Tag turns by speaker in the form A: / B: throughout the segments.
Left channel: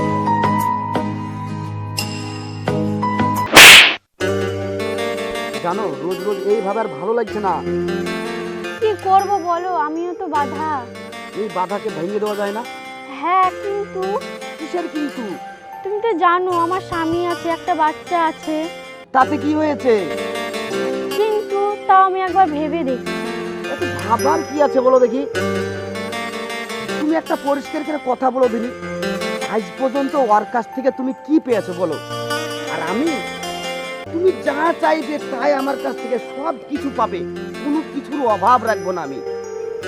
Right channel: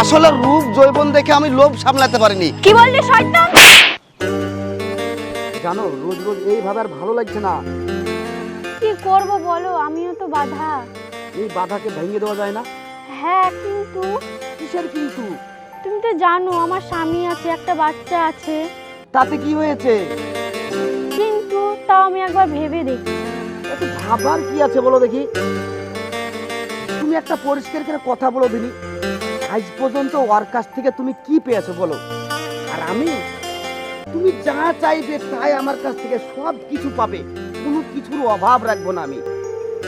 A: আসলে রূপ জৈবন দেখে আমি লোভ সামলাতে পারিনি।
B: কি বললি শয়তান?
A: জানো রোজ রোজ এইভাবে আর ভালো লাগছে না।
B: কি করব বলো আমিও তো বাধা।
A: এই বাধাকে ভেঙে দেওয়া যায় না?
B: হ্যাঁ কিন্তু
A: কিসের কিন্তু?
B: তুমি তো জানো আমার স্বামী আছে একটা বাচ্চা আছে।
A: তাতে কি হয়েছে?
B: কিন্তু তাও আমি একবার ভেবে দেখি
A: এত ভাবার কি আছে বলো দেখি। তুমি একটা পরিষ্কার করে কথা বলো দিনি। আজ পর্যন্ত ওর কাছ থেকে তুমি কি পেয়েছ বলো? আর আমি? তুমি যা চাইবে তাই আমার কাছ থেকে সব কিছু পাবে। কোনো কিছুর অভাব রাখব না আমি।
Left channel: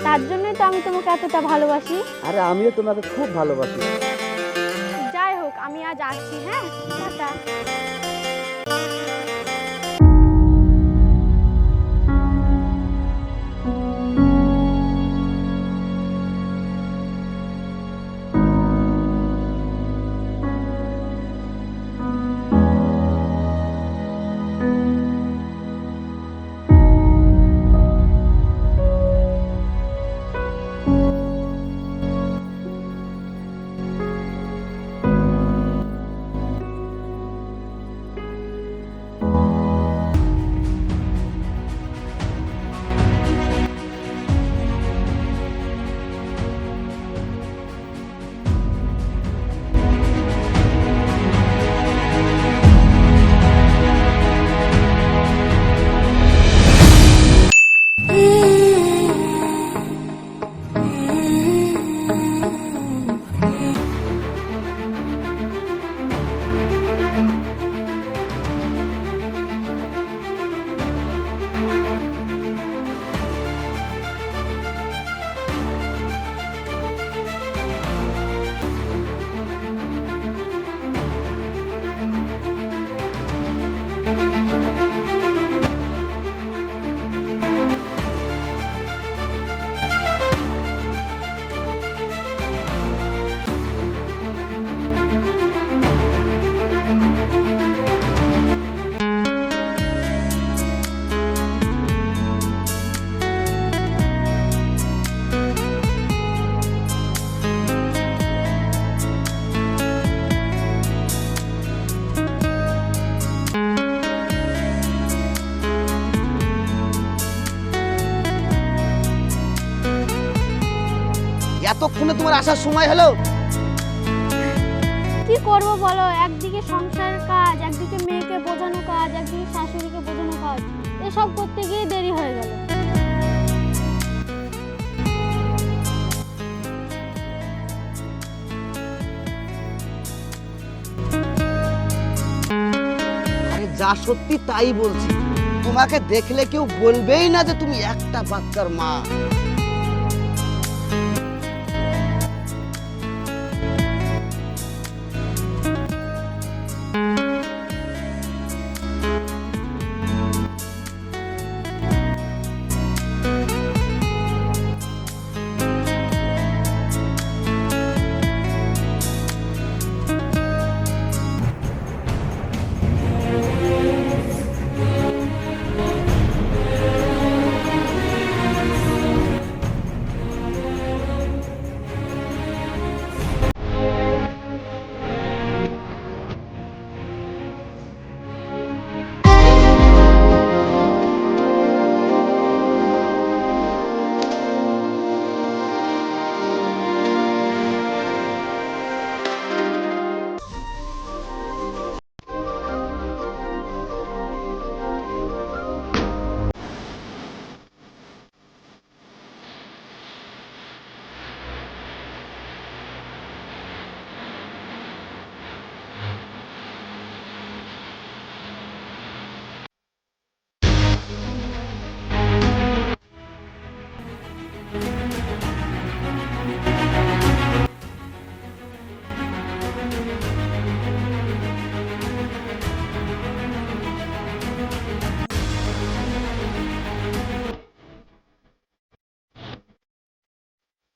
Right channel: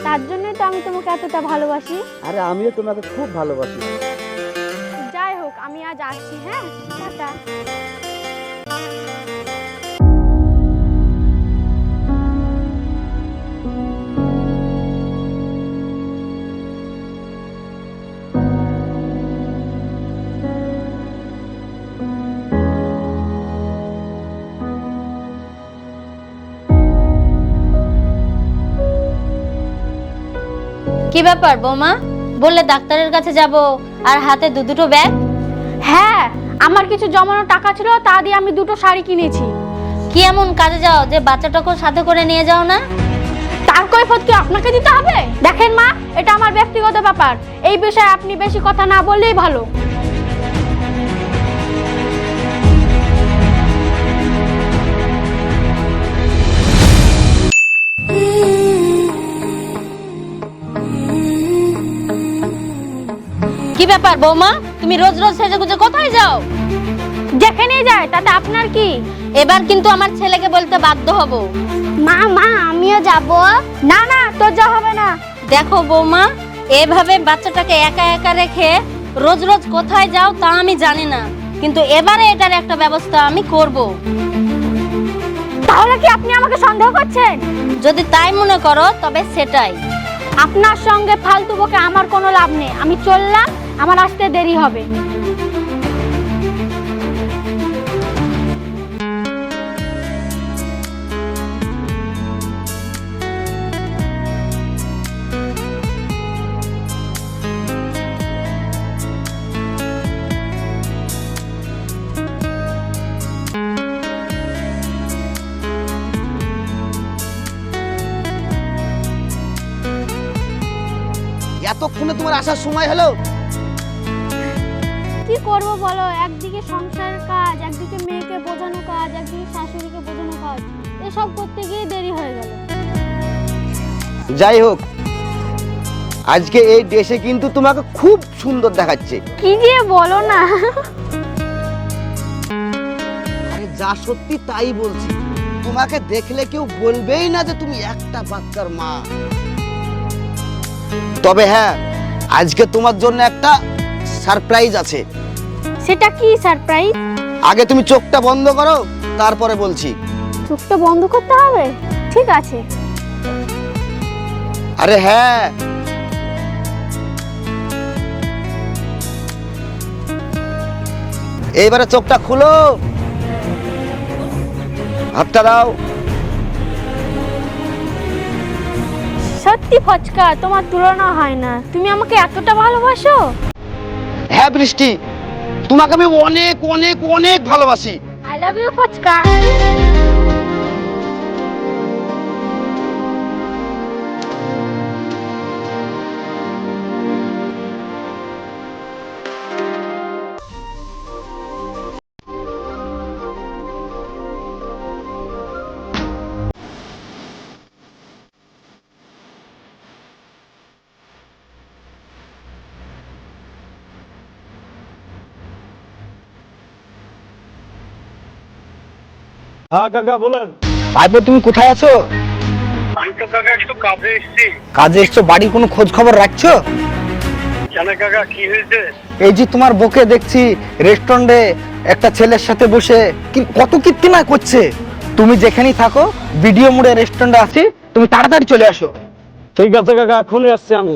B: তার জন্যই তো আমি তোমাকে এতটা ভালোবাসি।
A: আরে আমিও তোমাকে খুব ভালোবাসি।
B: যাই হোক আমি আজ আসছি হ্যাঁ? টাটা।
C: কি ব্যাপার বৌমা? বললে ডাক্তারের কাছে যাব আর হাতে দু দুটো ব্যাগ?
B: হ্যাঁ আমার কিছু জমানো টাকা ছিল তা দিয়ে আমি দুটো শাড়ি কিনেছি।
C: কি এমন কাজে যাও যে বাচ্চাটাকেও সাথে করে নিয়ে যাও না?
B: তার কৈফত কি আপনাকে দিতে হবে? দেখেন মা এটা আমার ব্যক্তিগত ব্যাপার। এই বিষয়ে আপনি বেশি কথা না বললেই ভালো।
C: কি ব্যাপার বৌমা? তুমি রোজ রোজ সেজে গুজে কোথায় যাও?
B: যেখানেই যায় তাতে আপনার কি?
C: এবার কিন্তু আমার ছেলেকে বলতে বাধ্য হব।
B: মা মা আমিও যাব। না না তো যা হবে না।
C: দেখো বৌমা এভাবে বাচ্চাটাকে একা একা রেখে রোজ রোজ কোথায় যাও তা আমি জানি না। কিন্তু এবারে এটার একটা ব্যবস্থা আমি করব।
B: তাহলে কি আপনি আমাকে সন্দেহ করছেন?
C: যদি তাই মনে করো তবে সেটাই।
B: আপনার সঙ্গে ফালতু বকে আমার কোনো লাভ নেই। আমি চললাম আমার আসতে দেরি হবে।
A: এতক্ষণে তোমার আসার সময় হলো?
B: কি করব বলো? একদিকে সংসারের কাজ একদিকে মেয়েকে বোঝানো কাজ একদিকে শাশুড়িকে বোঝানো কাজ। এসব করতে গিয়ে দেরি হয়ে গেল।
A: যাই হোক আজকে এই ড্রেসে কিন্তু তোমাকে খুব সুন্দর দেখাচ্ছে।
B: কি যে বলো না।
A: আরে যা সত্যি তাই বলছি। তোমাকে দেখলে কেউ বলবেই না যে তুমি একটা বাচ্চার মা। তবে হ্যাঁ আজকে তোমার জন্য একটা সারপ্রাইজ আছে।
B: সেটা কি সারপ্রাইজ?
A: আগে তুমি চোখটা বন্ধ করো তারপরে বলছি।
B: চোখটা বন্ধ করতে হবে? ঠিক আছে।
A: আরে হ্যাঁ। এইবারে চোখটা খুলো। হাতটা দাও।
B: সত্যি ফচকা তোমার তুলনা হয় না। তুমি আমাকে এতটা ভালোবাসো?
A: হ্যাঁ বৃষ্টি। তোমাকে আমি অনেক অনেক অনেক ভালোবাসি।
B: আই লাভ ইউ ফচকা
D: হ্যাঁ কাকা বলেন।
A: ভাইপো তুমি কোথায় আছো?
D: আমি তো কাকা একটু কাজে এসেছি।
A: কাজে এসছো? বাড়ির কোনো খোঁজ খবর রাখছো?
D: কেন কাকা কি হয়েছে?
A: এই যে তোমার দেখছি রেস্টুরেন্টে একটা ছেলের সাথে বসে কি কত কীর্তিমা করছে? তুমি যেখানেই থাকো ভিডিও মোড়ে রেস্টুরেন্টে আছি তুমি তাড়াতাড়ি চলে আসো।
D: ঠিক আছে কাকা এখনই আসছি আমি।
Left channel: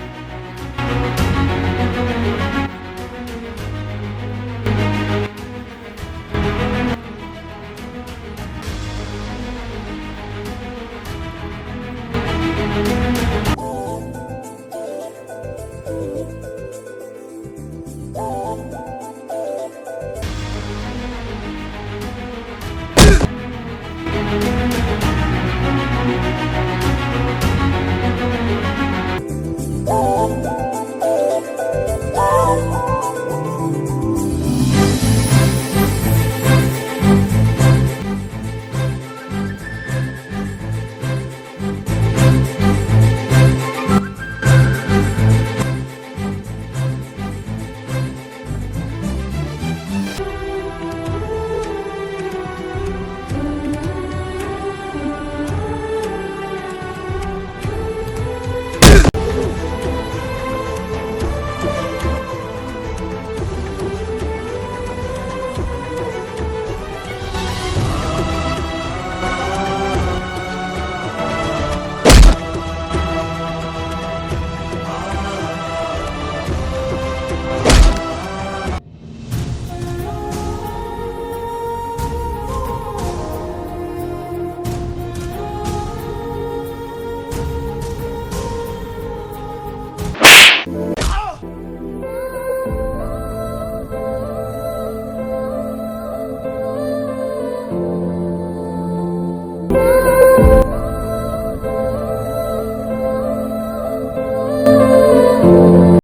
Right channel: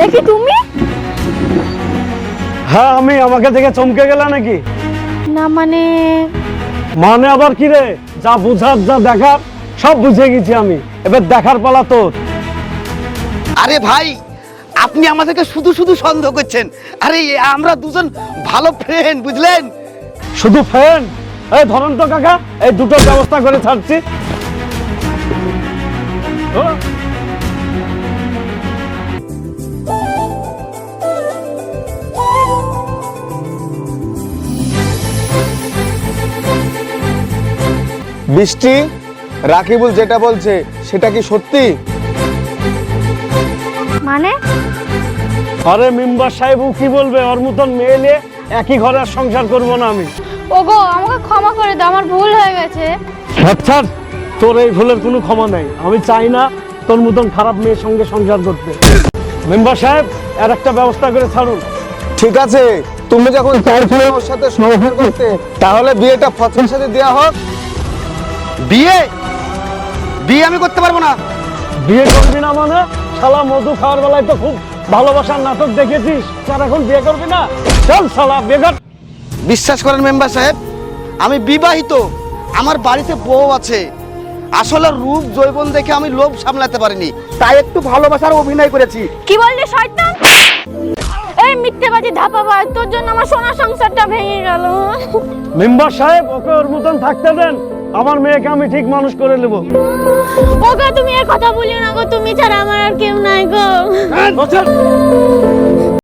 B: দেখি তুমি?
D: হ্যাঁ আমি আমাকে দেখে চমকে গেলা নাকি?
B: না মানে?
D: মানে আবার কি রে? যা বুঝার যা দেখার সব বুঝে গেছি আমি। এবার দেখার পালা তোর।
A: আরে ভাই আপনি আমাদেরকে শুধু শুধু সন্দেহ করছেন। আরে আমরা দুজন ভালো ফ্রেন্ড বুঝলেন?
D: শুধু ফ্যান এই ধরন তো কাকা এই দুটো ব্যবস্থা করে ছাড়ছি।
E: বৃষ্টি রাকিবুল যেটা বলছে সেটা কি সত্যি?
B: মানে?
D: আরে মেম্বার সাহেব ও কি বলবে? ওর মতন মেয়ে নিয়ে একই ঘরে আর সংসার করব না আমি।
B: ওগো আমাকে ক্ষমা করে দাও আমার ভুল হয়ে গেছে।
D: আচ্ছা তোর এই ভুলের কোনো ক্ষমা নাই। আমি চাই না তোর মতন খারাপ মেয়ের সঙ্গে সংসার করতে। মেম্বার সাহেব আর একটা ব্যবস্থা করে ছাড়ুন।
E: ঠিক আছে তুমি যখন তার ফলে সাথে সংসার করতে তাহলে বিয়েটা ফসলের সাথে দেওয়া হোক।
A: বিয়ে? বিয়ে আমি করতে পারব না।
D: বিয়ে করবি না মানে? শালা মধু খাওয়ার বেলায় তো খুব ভালোবাসার নাটক দেখেছিস। তার এখন বিয়ে করবি না? চল শালা বিয়ে কর।
A: বিশ্বাস করেন মেম্বার সাহেব আমি বিবাহিত। আমার বাড়িতে বউ আছে। আসলে রূপ জৈবন দেখে আমি লোভ সামলাতে পারিনি। তাই একটু ভালোবাসার অভিনয় করেছি।
B: কি বললি শয়তান? এই মিথ্যেবাজি ধাপাবাজ তোর জন্য আমার সোনা সংসারটা ভেঙে গেল।
D: মেম্বার সাহেব ওকে ওর মতন থাকতে দেন। আমার মেয়েকে আমি ঠিক মানুষ করে নেব।
B: ওকে তুমি এ কথা বলিও না গো তুমি ছাড়া আমার আর কেউ নাই গো।
D: বছর